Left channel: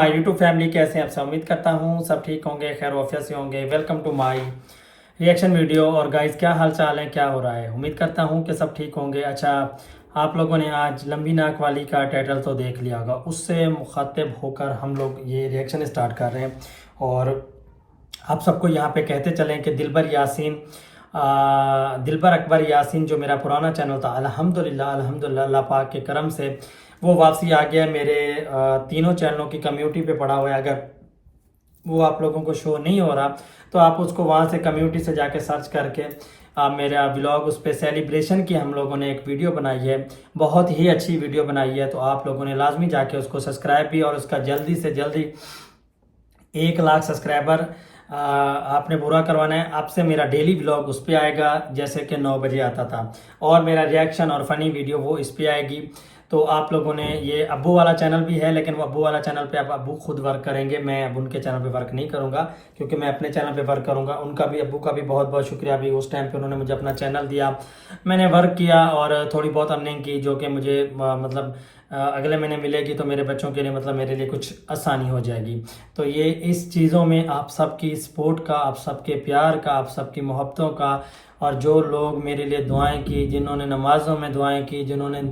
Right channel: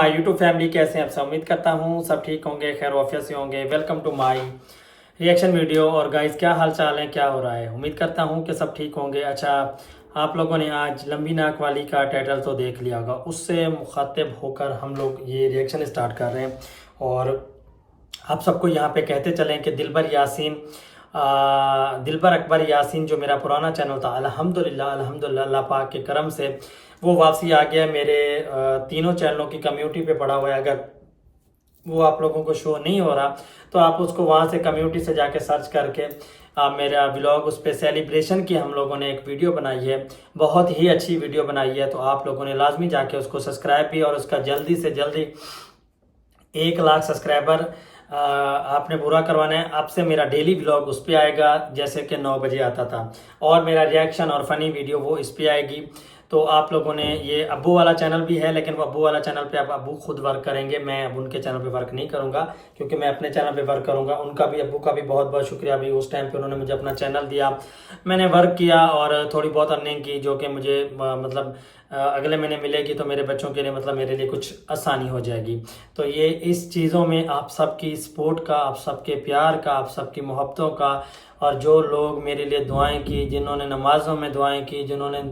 My YouTube family कैसे हैं आप सब। उम्मीद करता हूँ सब ठीक होंगे, खैर वाफिया से होंगे। Welcome to my reaction video. और गाइस क्या हाल चाल है, क्या हो रहा है। उम्मीद करता हूँ कि सब ठीक होंगे। अच्छा, आप लोगों ने आज लंबी नाक वाली का टाइटल तो देख लिया होगा, उससे मुखातिब होकर हम लोग ये रिएक्शन स्टार्ट कर रहे हैं। और आप सबको यहाँ पे कहते चलें कि दिलबर यासीन, दिलबर अकबर यासीन जो मेरा पुराना चैनल था, अल्हम्दुलिल्लाह अल्हम्दुलिल्लाह अल्लाह पाक के करम से वो वापसी आ गया। मेरे तीनों चैनलों की कम्युनिटी पे पड़ा हुआ है। अगर वो आप लोगों को शो नहीं हो रहा तो आप उसको वहाँ से कम्युनिटी से जाके सर्च करके आप मेरा ब्लॉग, उस पर सेलिब्रेशन की हम लोगों ने एक वीडियो बनाई है, बहुत ही अच्छी वीडियो बनाई है। तो आप लोगों ने लाजमी जाके उसको सब्सक्राइब भी और उसका जल्दी से जल्दी 1 लाख सब्सक्राइबर आपने पूरा करवाना है। अब से मेरा डेली ब्लॉग उस पर आएगा, जैसे कि 9 बजे आता था। और मेरा रिएक्शन और फनी वीडियो वो इस पर आएगी। तो आप लोगों ने, ये अब्बू वाला चैनल भी है, लेकिन वो अब्बू वाला चैनल पे अब अब्बू खुद वर्क करेंगे। मैं अब उनके चैनल पे वर्क नहीं करूंगा, क्योंकि मैं अपने चैनल पे वर्क करूंगा। उनका भी, अब्बू का भी बहुत बहुत शुक्रिया। अभी उस टाइम पे उन्होंने मुझे अपना चैनल दिया, मैंने वर्क किया और थोड़ी बहुत अर्निंग की, जो कि मुझे मतलब अगले महीने मिलेगी। तो मेरे बच्चों के लिए, मतलब मेरे लिए कुछ आसानी हो जाएगी। तो ये इस चीज़ों में आप सबकी सपोर्ट का, आप सबके प्यार का, आप सबकी मोहब्बतों का, और जो लोग मेरे लिए दुआएं की, जिन्होंने नमाजों में दुआएं की, जिन्होंने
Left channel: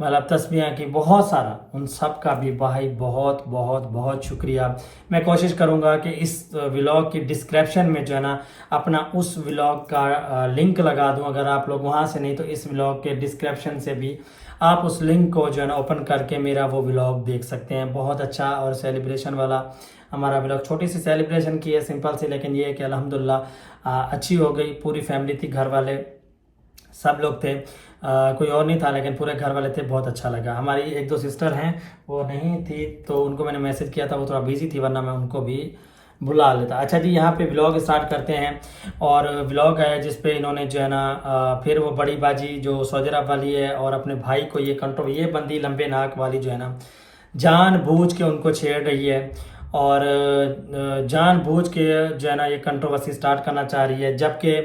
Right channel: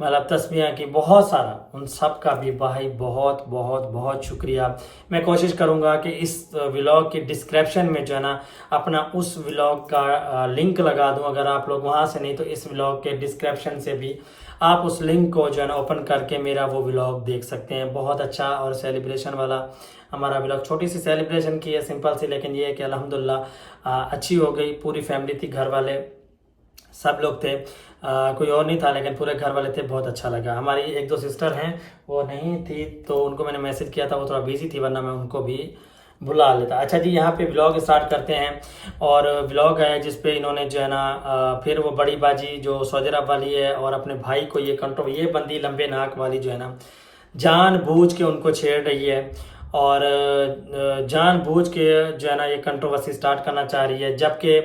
मतलब तस्बीहें की, बहुत सारा, उन सब का भी भाई बहुत बहुत बहुत शुक्रिया। मैं कोशिश करूंगा कि इस व्लॉग की डिस्क्रिप्शन में जो है ना अपना उस व्लॉग का लिंक लगा दूं। अगर आप लोग वहां से नहीं तो इस व्लॉग के डिस्क्रिप्शन से भी आप उस लिंक को जो है ना ओपन करके मेरा वो व्लॉग देख सकते हैं। बहुत अच्छा और सेलिब्रेशन वाला हमारा व्लॉग, छोटी सी सेलिब्रेशन की है, सिंपल सी, लेकिन ये है कि अल्हम्दुलिल्लाह अच्छी हो गई। पूरी फैमिली थी, घर वाले सब लोग थे, कोई और नहीं था, लेकिन पूरे घर वाले थे। बहुत अच्छा लगा। हमारी 1-2 सिस्टर हैं, वो नहीं थी तो उनको मैंने मैसेज किया था, वो थोड़ा बिजी थी, वरना मैं उनको भी बुला लेता। अच्छा जी, यहाँ पे व्लॉग स्टार्ट करते हैं। और व्लॉग है जिसपे इन्होंने जो है ना फिर वो बड़ी बाजी जो सऊदी अरब वाली है और अपने भाई को ये बंदी लंबे नाक वाली जो है ना जानबूझ के उनको छेड़ रही है। और जानबूझ के जो है ना ये कंट्रोवर्सी स्टार्ट करना चाह रही है। जबकि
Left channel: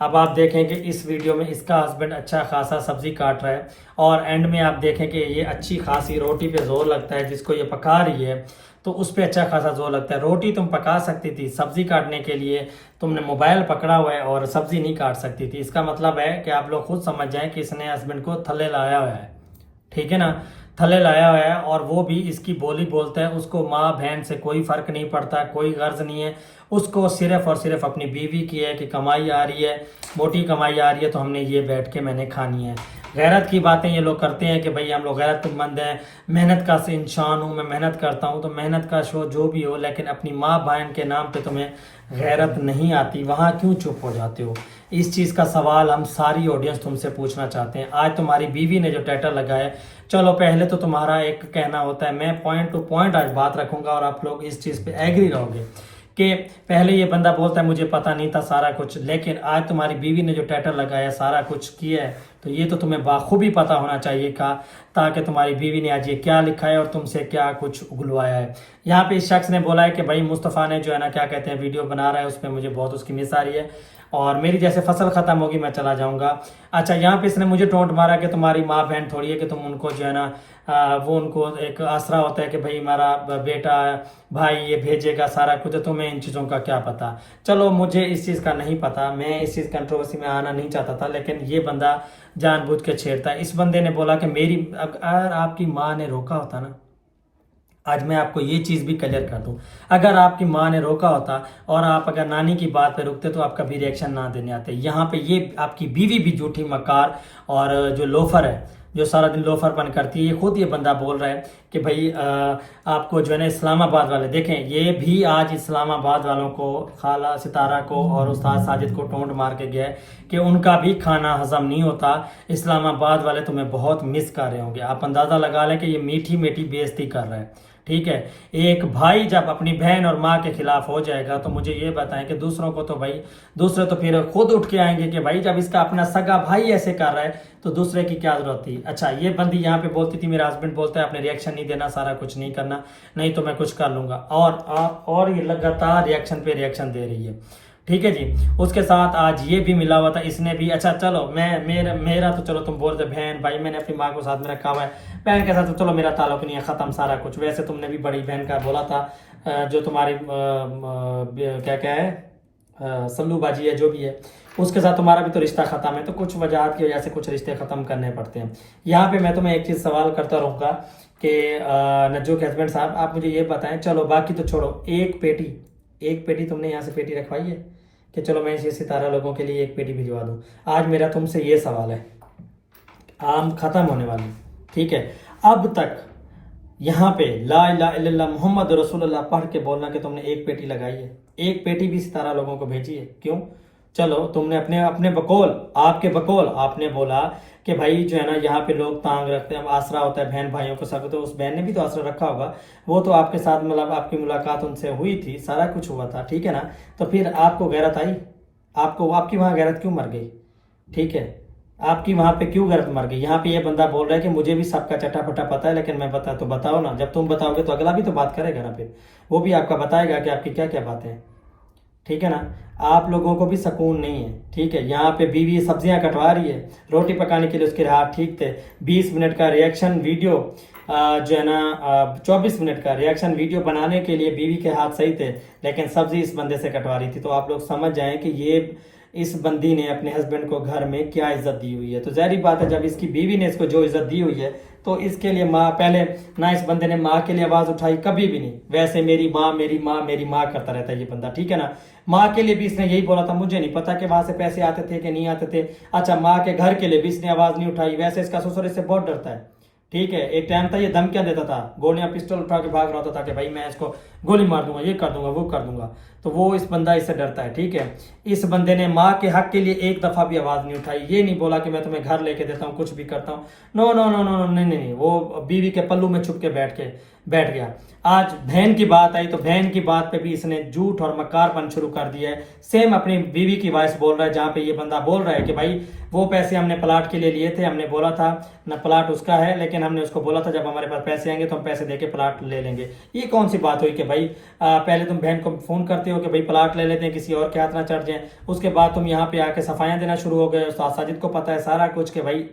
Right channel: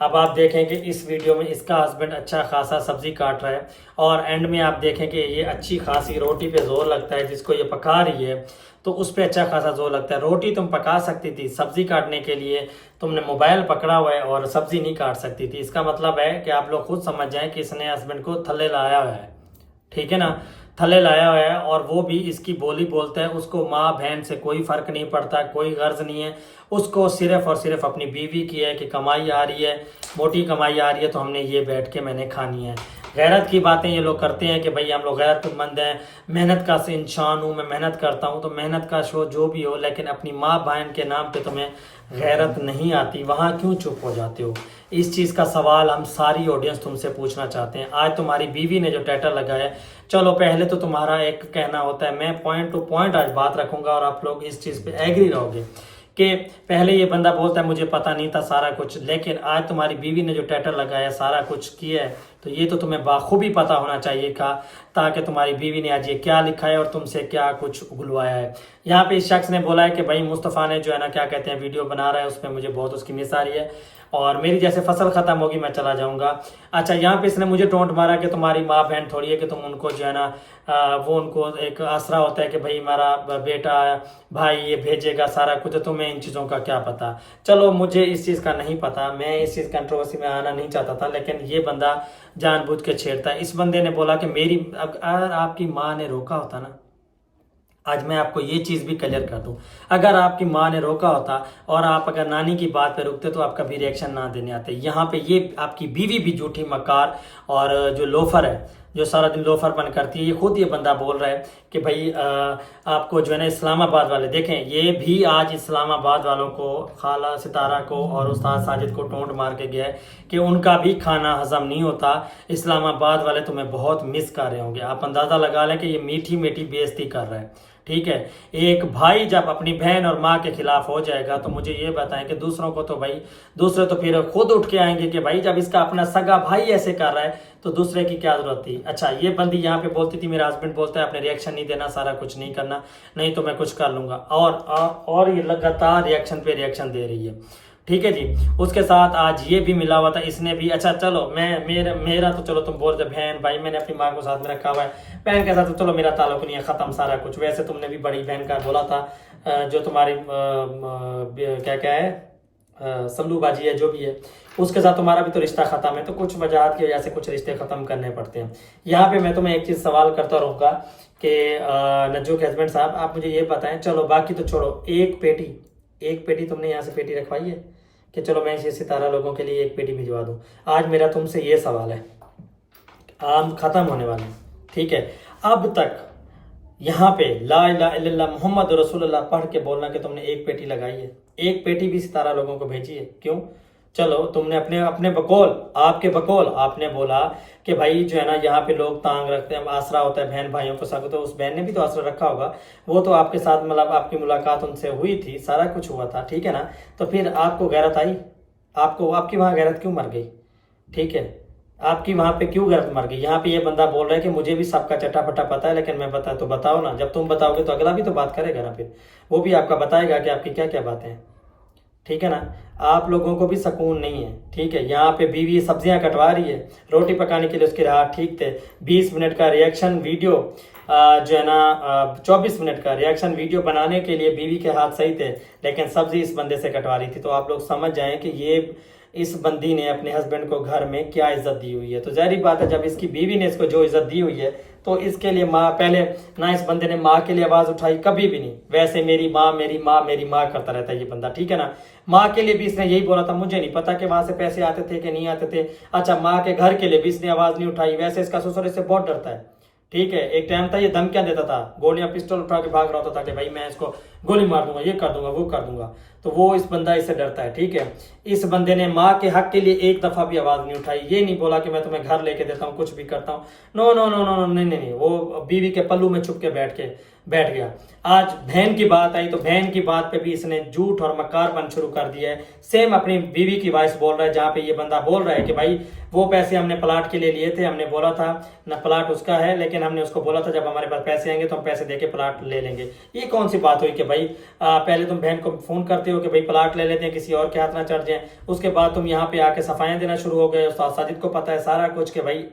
अब आप देखें कि इस वीडियो में इसका हस्बैंड अच्छा खासा सब्जी काट रहा है, और एंड में आप देखें कि ये अच्छी खासी रोटी पे जोर लगता है, जिसको ये पका रही है तो उस पर अच्छा खासा जोर लगता है। रोटी तुम पका सकती थी, सब्जी काटने के लिए तुमने मोबाइल पकड़ा हुआ है और सब्जी नहीं काट सकती थी। इसका मतलब है कि आप लोग खुद समझ जाएं कि इसने हस्बैंड को थल्ले लाया हुआ है, ठीक है ना, थल्ले लाया हुआ है। और वो भी इसकी बोली बोलता है, उसको माँ बहन से कोई फर्क नहीं पड़ता, कोई गर्ज नहीं है उसको, सिर्फ और सिर्फ अपनी बीवी की है कि कमाई आ रही है, मोटी कमाई आ रही है, तो हमने ये बैठ के मैंने खानी है। गैरत की बातें ये लोग करते हैं कि भाई हम लोग गैरतमंद हैं, मेहनत का इंसान हूँ, मैं मेहनत करता हूँ। तो मेहनत का शो जो भी हो, लेकिन अपनी माँ बहन के नाम पे तुम्हें गैरत नहीं आती, वहाँ क्यों चुप हो जाते हो। इस चीज़ का सवाल हम सारी ऑडियंस तुमसे पूछना चाहते हैं। आज तुम्हारी बीवी ने जो टाइटल लगाया, चलो पहले तो तुम्हारा एक कहना होता है, मैं पॉइंट टू पॉइंट आज बात रखूंगा और आप लोग इस चीज़ पे एग्री रहोगे कि पहले ये बंदा बोलता है मुझे पता नहीं था सारा कुछ, लेकिन आज तुम्हारी बीवी ने जो टाइटल लगाया, सारा कुछ किया है, तो ये तो तुम्हें बाखूबी पता होना चाहिए था, ताकि तुम्हारी बीवी ने आज ये क्या लिखा है और तुमसे क्या कुछ उगलवाया है। यहाँ पे इस शख्स ने बोला है कि भाई मुस्तफ़ा ने जो है ना क्या कहते हैं वीडियो बना रहा है, उसमें मुझे बहुत उसकी मिस आ रही है और मेरी जैसे फसल खत्म होगी मैं चला जाऊंगा। अच्छा, यहाँ पे इसने मुझे टोंट मारा कि तुम्हारी माँ बहन थोड़ी है कि तुम उनको जो है ना वो उनको एक आसरा होता है कि भाई हमारा बेटा भाई ये भेजेगा सारा कुछ, तो तुम्हें इन चीज़ों का क्या पता। चलो मुझे इस चीज़ का नहीं पता, मैं इस चीज़ कंट्रोवर्सी में आना नहीं चाहता था, लेकिन ये बंदा जानबूझ के छेड़ता है। इस बंदे ने बोला कि मेरी, अगर आपकी माँ ने रोका होता ना, आज मैं आपको ये चीज़ भी क्लियर कर दूं, अगर आपकी माँ ने रोका होता और आप अगर नानी की बात पे रुकते तो आप कभी रिएक्शन ना देने आते। यहाँ पे ये आपकी बीवी भी झूठी मकार और जो लोफर है, जो सारा दिन लोफर बन करती है, ये खुद ये बंदा बोल रहा है कि भाई आपको जो है ना इस्लामाबाद वाले, देखें ये भी आज इस्लामाबाद वालों को, खाला सितारा को और उस्ताद साजिद को टोंट मार के गया है कि उनका भी खाना हजम नहीं होता। इस्लामाबाद वाले तुम्हें बहुत मिस कर रहे होंगे। आप अंदाज़ा लगा लें कि ये मीठी मीठी बेइज्जती कर रहे हैं, ठीक है। एक भाई जब अपनी बहन और माँ के खिलाफ हो जाएगा तो मुझे ये बताएं कि दूसरों को तो भाई, दूसरे तो फिर खुद उठ के आएंगे कि भाई जब इसका अपना सगा भाई ऐसे कर रहा है तो दूसरे की क्या जरूरत थी। अच्छा, ये बंदी यहाँ पे बोलती थी, मेरा हस्बैंड बोलता है अपने रिएक्शन नहीं देना, सारा कुछ नहीं करना, नहीं तो मैं कुछ कर लूंगा। और ये लगातार रिएक्शन पे रिएक्शन दे रही है। ठीक है जी। उसके साथ आज ये भी मिला हुआ था, इसने भी, अच्छा चलो मैं मेरा तो चलो तुम बोल रहे बहन भाई, मैंने अपनी माँ को साथ में रखा हुआ है, बहन के साथ तो चलो मेरा ताल्लुक नहीं है, ख़त्म सारा कुछ। वैसे तुमने भी बड़ी बहन का बोला था, जो तुम्हारी क्या क्या है, सल्लू बाजी है जो भी है, उसके साथ तुम्हारा भी तो रिश्ता ख़त्म है। तो कुछ वजह की वजह से कुछ रिश्ते ख़त्म करने पड़ते हैं। यहाँ पे मैं तुम्हें एक चीज़ सवाल करता रहूँगा कि नज्जू के हस्बैंड साहब, आप मुझे ये बताएं, चलो बाकी तो छोड़ो, एक पेटी तुमने यहाँ से पेटी रखवाई है कि चलो मैं इसे सितारा लोगों के लिए एक पेटी भिजवा दूँ? आज मेरा तुमसे ये सवाल है, आम खत्म होने वाली, ठीक है, अब तक यहाँ पे ला इलाहा इल्लल्लाह मोहम्मद रसूलुल्लाह पढ़ के बोलना कि तुमने एक पेटी लगाई है, एक पेटी भी सितारा लोगों को भेजी है, क्यों? चलो तुमने अपने अपने बकौल, आपके बकौल आपने बोला कि भाई जो है ना यहाँ पे लोग तांग रखते हैं, आसरा होता है बहन भाइयों को सब, तो उस बहन ने भी तो आसरा रखा होगा, वो तो आपके साथ मतलब आपकी मुलाकात उनसे हुई थी, सारा कुछ हुआ था, ठीक है ना? तो फिर आपको गैरत आई? आपको, आपकी वहाँ गैरत क्यों मर गई? ठीक है, आपकी वहां पे क्यों गैरत मर गई? यहाँ पे ये बंदा बोल रहा है कि मुझे भी सबका चटापटा पता है, लेकिन मैं बता, तो बताओ ना, जब तुम बताओगे तो अगला भी तो बात करेगा ना, फिर वो भी आपका बताएगा कि आपकी क्या क्या बातें हैं, ठीक है ना? आप लोगों को भी सुकून नहीं है, ठीक है? यहाँ पे बीवी सब्जियां कटवा रही है, रोटी पकाने के लिए उसके हाथ ठीक थे, 20 मिनट का रिएक्शन वीडियो जो है ना 24 मिनट का रिएक्शन वीडियो बनाने के लिए बीवी के हाथ सही थे, लेकिन सब्जी इस बंदे से कटवा रही थी। तो आप लोग समझ जाएं कि ये इस बंदी ने अपने हस्बैंड को घर में क्या इज्जत दी हुई है। तो जाहिर बात है, जब इसकी बीवी ने इसको जो इज्जत दी हुई है, तो इसके लिए माँ, पहले ना इस बंदे ने माँ के लिए आवाज उठाई, कभी भी नहीं। वैसे मेरी माँ मेरी माँ मेरी माँ करता रहता है ये बंदा, ठीक है ना? माँ के लिए भी इसने यही बोला था, मुझे नहीं पता कि वहां से पैसे आते थे कि नहीं आते थे। अच्छा, माँ के घर के लिए भी इसने आवाज नहीं उठाई। वैसे इसका ससुर इससे बहुत डरता है, ठीक है? एक टाइम था ये धमकियां देता था, गोलियां पिस्टल उठा के भाग रहा होता था कि भाई मैं इसको गोली मार दूंगा, ये कर दूंगा, वो कर दूंगा। तो वो इस बंदा इससे डरता है, ठीक है? इस बंदे ने माँ के हक के लिए एक दफा भी आवाज नहीं उठाई। ये नहीं बोला कि मैं तुम्हें घर लेके देता हूँ, कुछ भी करता हूँ, नो नो नो नो, नहीं नहीं नहीं। वो बीवी के पल्लू में छुप के बैठ गया। आज बहन की बात आई तो बहन की बात पे भी इसने झूठ और मकारपन शुरू कर दिया है। सेम अपनी बीवी की वॉइस बोल रहा है, जहाँ पे ये बंदा बोल रहा है कि भाई वो पैसे हमने प्लाट के लिए लिए थे, हमने बोला था ना प्लाट उसका है, लेकिन हमने उसको बोला था जब हमारे पास पैसे आएंगे तो हम पैसे देके प्लाट ले लेंगे। ये कौन सी बात हुई कि भाई पहले तुम बहन को फोन करते हो कि भाई प्लाट ले लेते हैं, किसी और के हाथ ना चढ़ जाए, उसके बाद तुम यहाँ पे आके सफाइयां देना शुरू हो गए। उस्ताद साजिद को पता है सारा कुछ कि भाई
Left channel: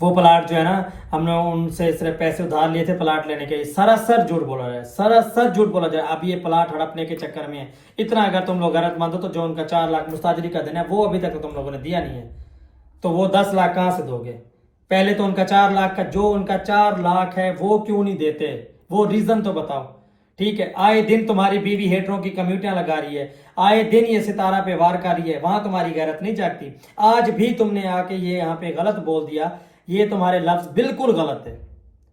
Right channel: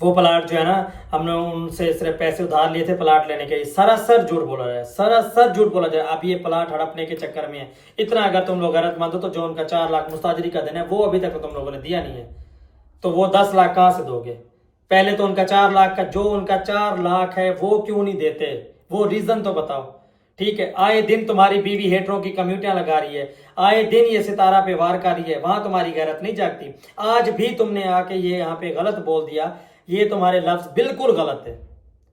वो प्लाट जो है ना, हमने उनसे सिर्फ पैसे उधार लिए थे प्लाट लेने के। सरासर झूठ बोला जाए, सरासर झूठ बोला जाए। अब ये प्लाट हड़पने के चक्कर में है। इतना अगर तुम लोग गलत मानते हो तो जो उनका 4 लाख मुस्ताजरी का देना है वो अभी तक तो तुम लोगों ने दिया नहीं है, तो वो 10 लाख कहां से दोगे? पहले तो उनका 4 लाख का, जो उनका 4 लाख है वो क्यों नहीं देते, वो रीजन तो बताओ, ठीक है? आए दिन तुम्हारी बीवी हेटरों की कम्युनिटियां लगा रही है, आए दिन ये सितारा पे वार कर रही है, वहां तुम्हारी गैरत नहीं जागती। आज भी तुमने आके ये यहाँ पे गलत बोल दिया, ये तुम्हारे लफ्ज बिल्कुल गलत है।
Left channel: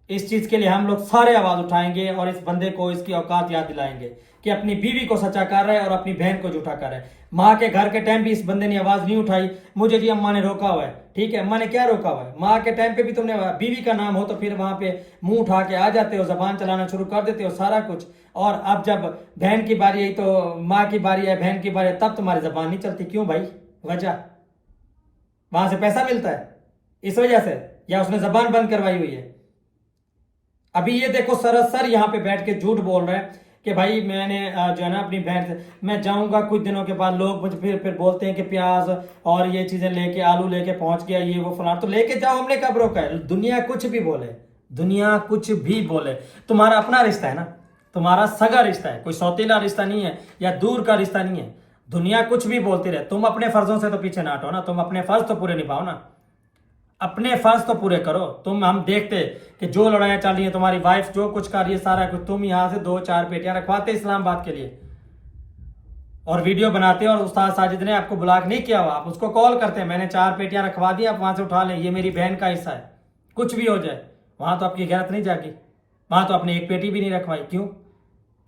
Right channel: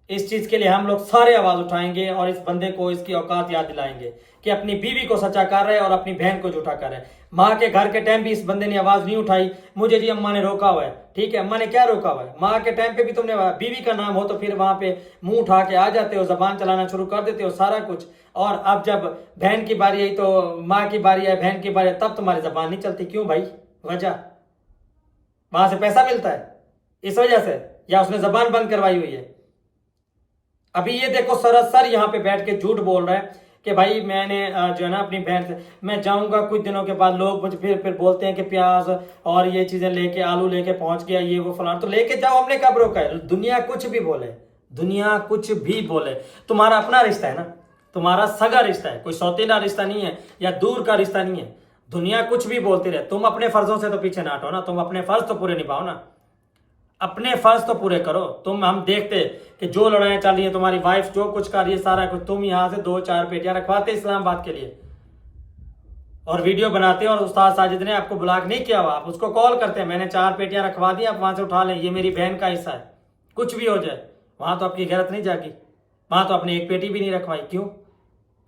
इस चीज के लिए हम लोग सारे आवाज उठाएंगे और इस बंदे को इसकी औकात याद दिलाएंगे कि अपनी बीवी को सच्चा कर रहा है और अपनी बहन को झूठा कर रहा है। माँ के घर के टाइम भी इस बंदे ने आवाज नहीं उठाई, मुझे जी अम्मा ने रोका हुआ है, ठीक है? अम्मा ने क्या रोका हुआ है? माँ के टाइम पे भी तुमने, बीवी का नाम हो तो फिर वहां पे मुंह उठा के आ जाते हो, जबान चलाना शुरू कर देते हो, सारा कुछ। और अब जब बहन की बारी आई तो माँ की बारी है, बहन की बारी है, तब तुम्हारी जबान नहीं चलती। क्यों भाई? वजह वहां से पैसा मिलता है इस वजह से, या उसने जबान बंद करवाई हुई है? अभी ये देखो सरासर यहाँ पे बैठ के झूठ बोल रहा है कि भाई मैंने जो है ना अपनी बहन से, मैं जाऊंगा कुछ दिनों के बाद, लोग मुझे फिर बोलते हैं कि प्याज और ये चीजें लेके, आलू लेके पहुंच गया, ये वो फलाना। तो लेके जाओ, हमने कब रोका है? दुनिया कुछ भी बोले, दुनिया कुछ भी बोले, तुम्हारा अपना रिश्ता है ना, तुम्हारा सगा रिश्ता है, कोई सौतेला रिश्ता नहीं है या दूर का रिश्ता नहीं है। दुनिया कुछ भी बोलती रहे, तुम अपने फर्जों से तो पीछे ना हटो ना, तुम अपने फर्ज तो पूरे निभाओ ना, अपने फर्ज तो पूरे करो। तुम, हम देखते कि जो लड़ाइयां चल रही है, तुम्हारी वाइफ जो कुछ कर रही है सारा कुछ, तुम यहां से 2-4 पेटियां रखवाते इस्लामाबाद के लिए और वीडियो बनाते हैं, और उस्ताद साजिद ने आपको ब्लॉक नहीं किया हुआ, आप उसको कॉल करते हैं, मैंने 4 पेटियां रखवा दी, आप वहां से उठा लें, ये मेरी बहन का हिस्सा है, कुछ भी हो जाए। वहां तो आपकी गैरत नहीं जागी, वहां तो आपने एक पेटी भी नहीं रखवाई। क्यों?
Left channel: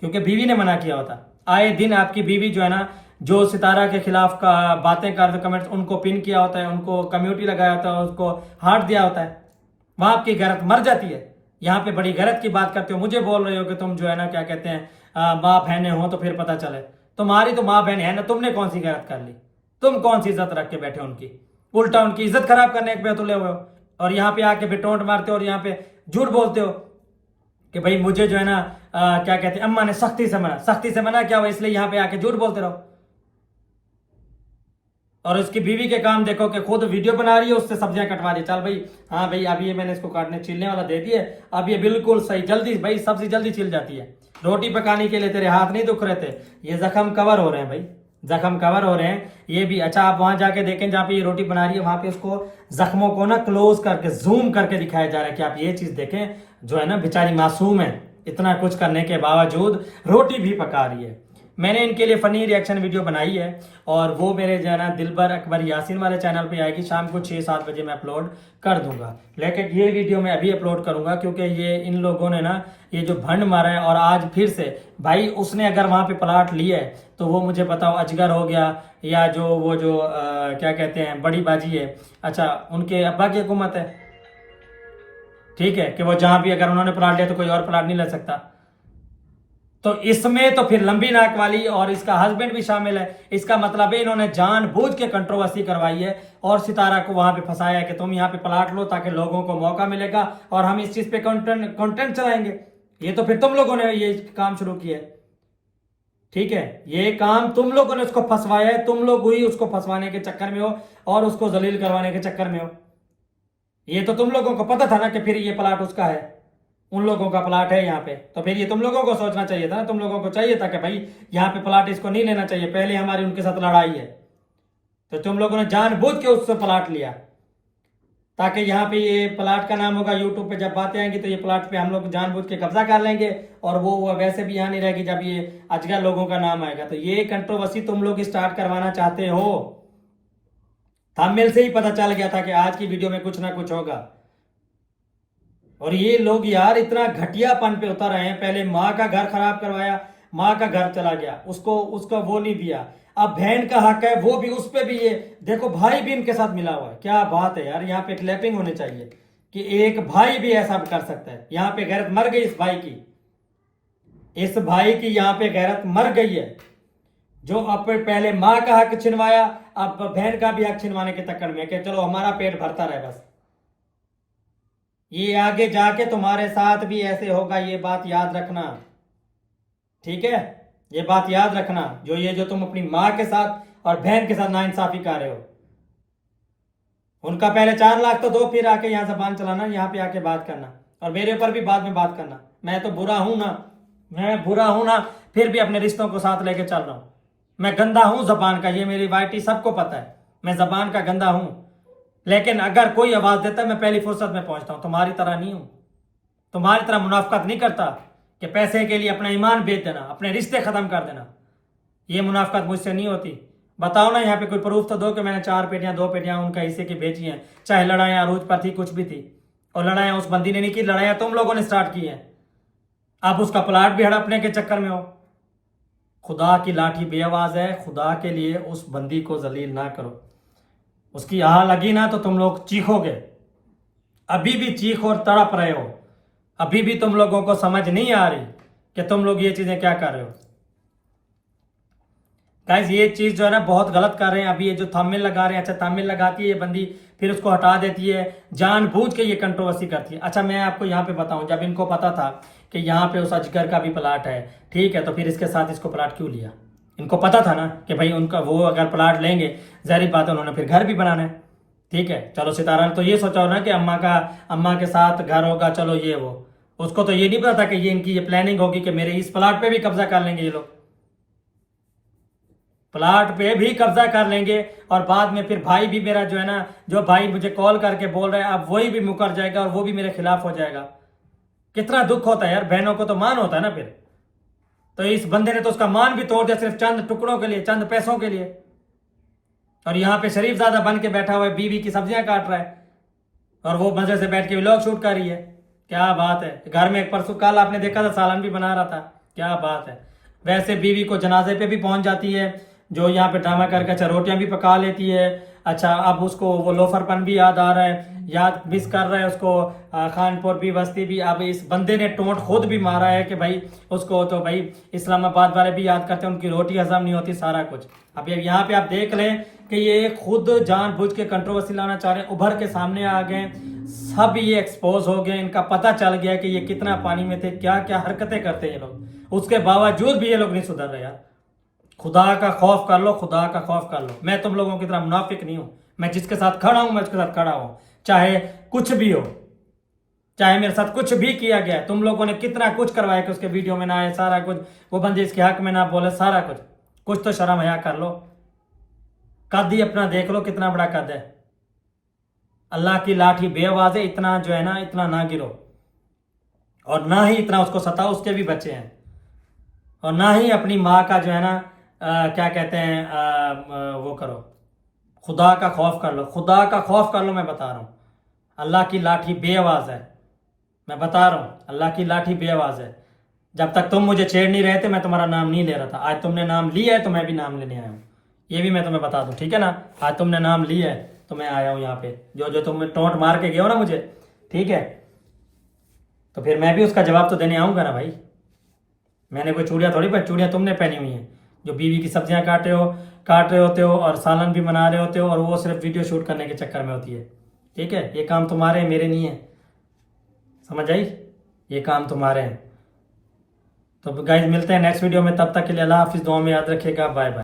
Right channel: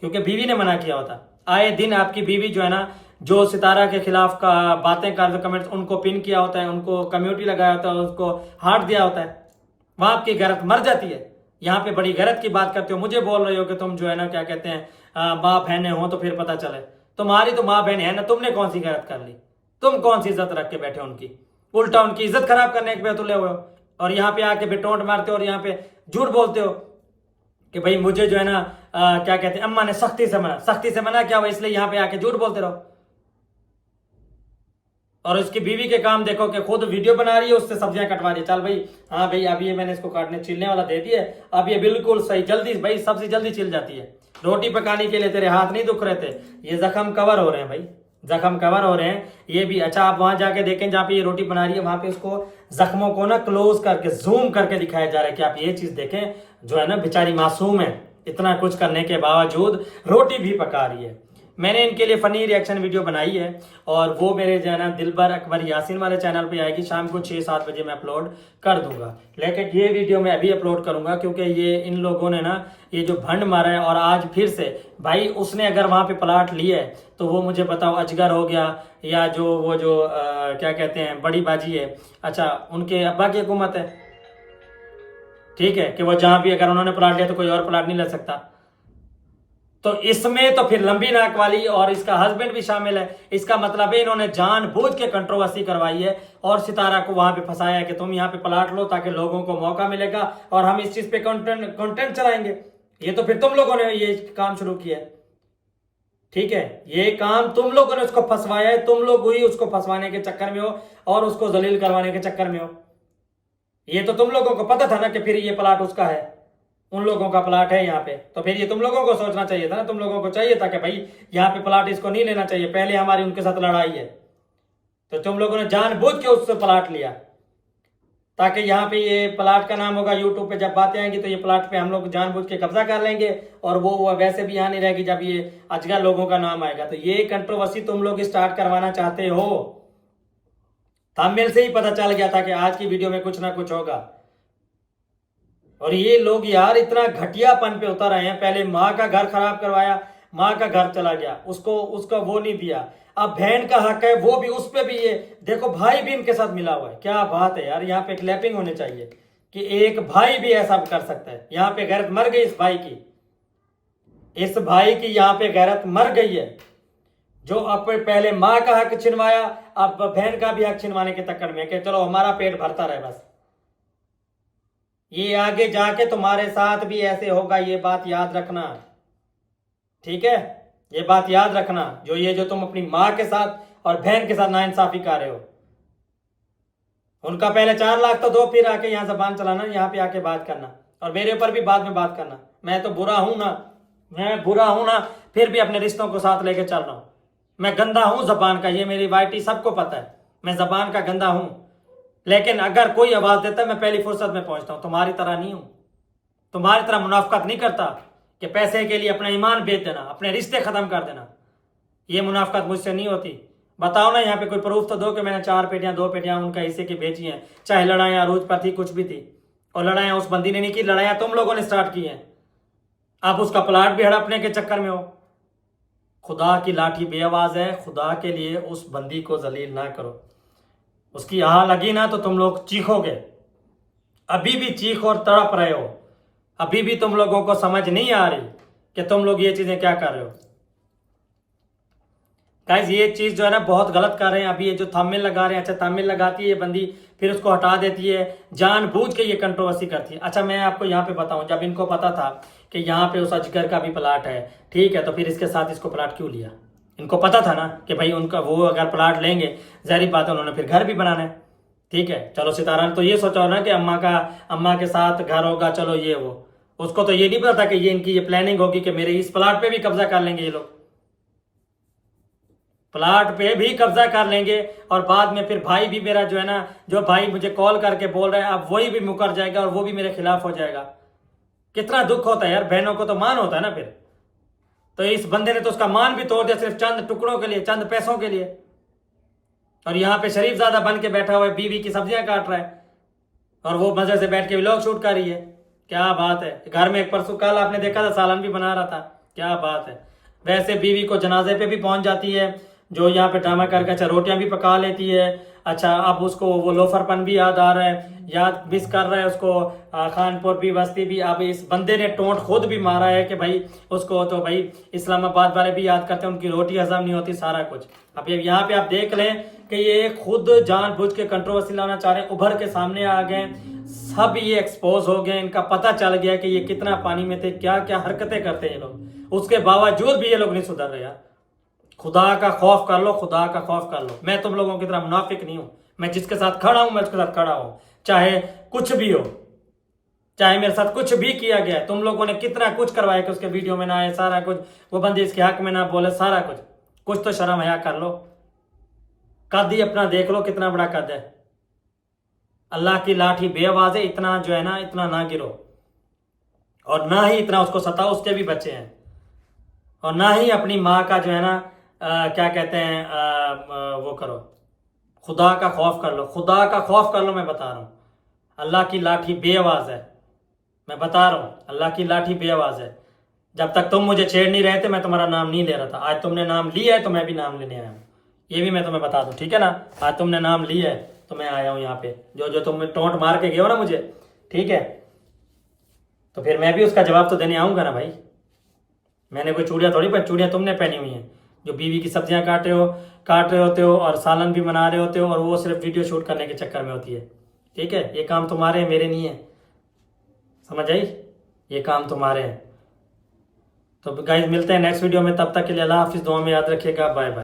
क्योंकि बीवी ने मना किया होता। आए दिन आपकी बीवी जो है ना, जो सितारा के खिलाफ का बातें कर, कमेंट्स उनको पिन किया होता है, उनको कम्युनिटी लगाया होता है, उसको हार्ट दिया होता है, वहां आपकी गैरत मर जाती है। यहाँ पे बड़ी गैरत की बात करते हो, मुझे बोल रहे हो कि तुम जो है ना क्या कहते हैं माँ बहने हो तो फिर पता चले। तुम्हारी तो माँ बहन है ना, तुमने कौन सी गैरत कर ली? तुम कौन सी इज्जत रख के बैठे उनकी? उल्टा उनकी इज्जत खराब करने पे तुले हुए हो, और यहाँ पे आके बेटोंट मारते हो और यहाँ पे झूठ बोलते हो कि भाई मुझे जो है ना क्या कहते हैं, अम्मा ने सख्ती से मना। सख्ती से मना क्या हुआ? इसलिए यहाँ पे आके झूठ बोलते रहो। और उसकी बीवी के काम देखो कि खुद वीडियो बना रही है, उससे सब्जियां कटवा रही। चल भाई, हाँ भाई, अभी ये मैंने इसको काटने छिलने वाला दे दिया, अब ये बिल्कुल सही, जल्दी भाई सब्जी जल्दी छिल जाती है। रोटी पकाने के लिए तेरे हाथ नहीं दुख रहे थे, ये जख्म कवर हो रहे हैं भाई, जख्म कवर हो रहे हैं ये भी। अच्छा, आप वहां जाके देखें जहाँ पे ये रोटी बना रही है, वहां पे उसको जख्मों को ना क्लोज करके जूम करके दिखाया जा रहा है कि आप ये चीज देखें, जो है ना बेचारी मासूम है, इतना कुछ करने के बावजूद रोटी भी पका रही है। मैंने इनके लिए फनी रिएक्शन वीडियो बनाई है, और वो मेरे जो है ना दिलबर अकबर यासीन वाले चैनल पे आएगी, शाम को 6-7 बजे मैं अपलोड कर दूंगा। लेकिन ये वीडियो मैं अभी अपलोड करूंगा क्योंकि ये इन लोगों ने ना ये जो भंड मारा है, और आज फिर से भाई उसने अगर वहां पे प्लाट लिया है तो वो मुझे बताओ, अजगर हो गया या जो वो जो क्या कहते हैं बड़ी बाजी है, अच्छा उनके अब्बा की हुकूमत है, ठीक है, कि वो जहां भी अगर उन्होंने प्लाट लिया तो कोई और प्लाट नहीं ले सकता। तो इसमें तो फिर लंबी नाक वाली और इसका हस्बैंड भी शामिल है। इसका मतलब है इन्होंने जानबूझ के कंट्रोवर्सी करवाई है और सितारा को वहां पे फंसाया है कि तुम यहाँ पे प्लाट लो ताकि लोगों को मौका मिलेगा और हम इस चीज पे कंटेंट चलाएंगे। ये तो फिर तुम लोगों ने ये काम शुरू किया है, ठीक है, ये काम तुम लोगों ने उसको फंसवाया है, तुम लोग ही उसको फंसवाने के चक्कर में हो और उसको जलील करवाने के चक्कर में हो। ये तो तुम लोगों को पता था ना कि फिर ये प्लाट उसका है, उन लोगों का प्लाट है यहाँ पे, तो फिर ये तुम लोगों को सोचना चाहिए था ना, तुम लोगों को चाहिए था कि भाई यहाँ पे प्लाट इसको नहीं लेना चाहिए, पहले हमारी उनके साथ लड़ाई है, तो तुम लोगों ने जानबूझ के उससे प्लाट लिया ताकि यहाँ पे ये प्लाट का नाम होगा यूट्यूब पे, जब बातें आएंगी तो ये प्लाट पे हम लोग जानबूझ के कब्जा कर लेंगे और वो वैसे भी यहाँ नहीं रहेगी जब ये अजगर लोगों का नाम आएगा। तो ये कंट्रोवर्सी तुम लोग स्टार्ट करवाना चाहते हो, थंबनेल से ही पता चल गया था कि आज की वीडियो में कुछ ना कुछ होगा। और ये लोग यार इतना घटियापन पे उतर रहे हैं, पहले माँ का घर खराब करवाया, माँ का घर चला गया, उसको वो नहीं दिया, अब बहन का हक है वो भी, उस पे भी ये देखो भाई भी इनके साथ मिला हुआ है। क्या बात है यार, यहाँ पे क्लैपिंग होनी चाहिए कि एक भाई भी ऐसा कर सकता है। यहाँ पे गैरत मर गई इस भाई की, इस भाई की यहाँ पे गैरत मर गई है, जो अपने पहले माँ का हक छिनवाया, अब बहन का भी हक छिनवाने के चक्कर में कि चलो हमारा पेट भरता रहे बस। ये आगे जाके तुम्हारे साथ भी ऐसे होगा, ये बात याद रखना, ठीक है, ये बात याद रखना। जो तुम अपनी माँ के साथ और बहन के साथ नाइंसाफी कर रहे हो, उनका पहले 4 लाख तो दो, फिर आके यहाँ जबान चलाना, यहाँ पे आके बात करना, और मेरे ऊपर भी बाद में बात करना। मैं तो बुरा हूं ना, मैं बुरा हूं ना, फिर भी अपने रिश्तों को साथ लेके चल रहा हूं। मैं गंदा हूं जबान का, ये मेरी वाइटी सबको पता है, मैं जबान का गंदा हूं, लेकिन अगर कोई आवाज देता है मैं पहली फुर्सत में पहुंचता हूं। तुम्हारी तरह नहीं हूं, तुम्हारी तरह मुनाफकत नहीं करता कि पैसे के लिए अपना ईमान बेच देना, अपने रिश्ते खत्म कर देना, ये मुनाफकत मुझसे नहीं होती। बताओ ना यहाँ पे कोई प्रूफ तो दो कि मैंने 4 पेटियां 2 पेटियां उनका हिस्से की भेजी हैं, चाहे लड़ाइयां अरूज पर थी, कुछ भी थी, और लड़ाइयां उस बंदी ने नहीं की, लड़ाइयां तुम लोगों ने स्टार्ट की हैं। आप उसका प्लाट भी हड़पने के चक्कर में हो। खुदा की लाठी बेआवाज है, खुदा के लिए उस बंदी को जलील ना करो। उसकी आह लगी ना तो तुम लोग चीखोगे, अभी भी चीख और तड़प रहे हो, अभी भी तुम लोगों को समझ नहीं आ रही कि तुम लोग ये चीजें क्या कर रहे हो। गाइस ये चीज जो है ना बहुत गलत कर रहे हैं। अभी ये जो थंबनेल लगा रहे हैं, अच्छा थंबनेल लगाती है ये बंदी, फिर उसको हटा देती है, जानबूझ के ये कंट्रोवर्सी करती है। अच्छा मैं आपको यहाँ पे बताऊं, जब इनको पता था कि यहाँ पे उस अजगर का भी प्लाट है, ठीक है, तो फिर इसके साथ इसको प्लाट क्यों लिया? इनको पता था ना कि भाई उनका वो अगर प्लाट लेंगे, जाहिर बात है उन्होंने फिर घर भी बनाना है, ठीक है। चलो सितारा ने तो ये सोचा हो ना कि अम्मा के साथ घर होगा, चलो ये वो, उसको तो ये नहीं पता था कि ये इनकी ये प्लानिंग होगी कि मेरे इस प्लाट पे भी कब्जा कर लेंगे ये लोग, प्लाट पे भी कब्जा कर लेंगे, और बाद में फिर भाई भी मेरा जो है ना, जो भाई मुझे कॉल करके बोल रहा है, अब वही भी मुकर जाएगा और वो भी मेरे खिलाफ हो जाएगा। कितना दुख होता है यार, बहनों को तो मान होता है ना फिर। तो इस बंदे ने तो उसका मान भी तोड़ दिया सिर्फ चंद टुकड़ों के लिए, चंद पैसों के लिए, और यहाँ पे शरीफ ज्यादा बन के बैठा हुआ है, बीवी की सब्जियां काट रहा है और वो मजे से बैठ के व्लॉग शूट कर रही है। क्या बात है, घर में एक परसों कल आपने देखा था सालन भी बना रहा था, क्या बात है। वैसे बीवी को जनाजे पे भी पहुंच जाती है, जो यहाँ पे ड्रामा करके अच्छा रोटियां भी पका लेती है। अच्छा अब उसको वो लोफरपन भी याद आ रहा है, याद मिस कर रहा है उसको, खानपुर भी बस्ती भी। अब इस बंदे ने टोंट खुद भी मारा है कि भाई उसको तो भाई इस्लामाबाद वाले भी याद करते हैं, उनकी रोटी हजम नहीं होती, सारा कुछ। अब यहाँ पे आप देख लें कि ये खुद जानबूझ के कंट्रोवर्सी लाना चाह रहे हैं, उभर के सामने आ गए, सब ये एक्सपोज हो गए, इनका पता चल गया कि ये कितना पानी में थे, क्या क्या हरकतें करते हैं ये लोग, उसके बावजूद भी ये लोग नहीं सुधर रहे यार। खुदा का खौफ कर लो, खुदा का खौफ कर लो। मैं तुम लोगों की तरह मुनाफिक नहीं हूं। मैं जिसके साथ खड़ा हूं मैं उसके साथ खड़ा हूं, चाहे कुछ भी हो, चाहे मेरे साथ कुछ भी किया गया है। तुम लोगों ने कितना कुछ करवाया कि उसके वीडियो में ना आए, सारा कुछ, वो बंदे इसके हक में ना बोले, सारा कुछ। कुछ तो शर्म हया कर लो। कद ही अपना देख लो कितना बड़ा कद है। अल्लाह की लाठी बेआवाज है, इतना जो है ना, इतना ना गिरो। और ना ही इतना उसको सताओ, उसके भी बच्चे हैं। और ना ही अपनी माँ का जो है ना क्या कहते हैं वो करो। खुदा का खौफ कर लो, खुदा का खौफ कर लो। मैं बता रहा हूँ, अल्लाह की लाठी बेआवाज है। मैं बता रहा हूँ, अल्लाह की लाठी बेआवाज है। जब तक तुम मुझे छेड़ नहीं रहे थे मैं तुम्हारा नाम नहीं ले रहा था। आज तुमने नाम लिया है तो मैं भी नाम लेने आया हूँ। ये भी मैं तुम्हें बता दूं, ठीक है ना। आज तुमने नाम लिया है तो मैं आया हूँ यहाँ पे। जो जो तुम टोंट मार के गए हो ना मुझे, ठीक है, तो फिर मैं भी उसका जवाब तो देने आऊंगा ना भाई। मैंने कोई चूड़ियाँ थोड़ी पहनी, चूड़ियाँ तुमने पहनी हुई हैं। जो बीवी की सब्जियां काट रहे होते हो और सालन भी बना रहे होते हो, और वो सिर्फ वीडियो शूट करने के चक्कर में होती है। ठीक है, ये काम तुम्हारे हैं, मेरे नहीं है। समझ आई? ये काम तुम्हारे हैं। तो गाइस मिलते हैं नेक्स्ट वीडियो में, तब तक के लिए अल्लाह हाफिज़। दुआ में याद रखिएगा। Bye bye.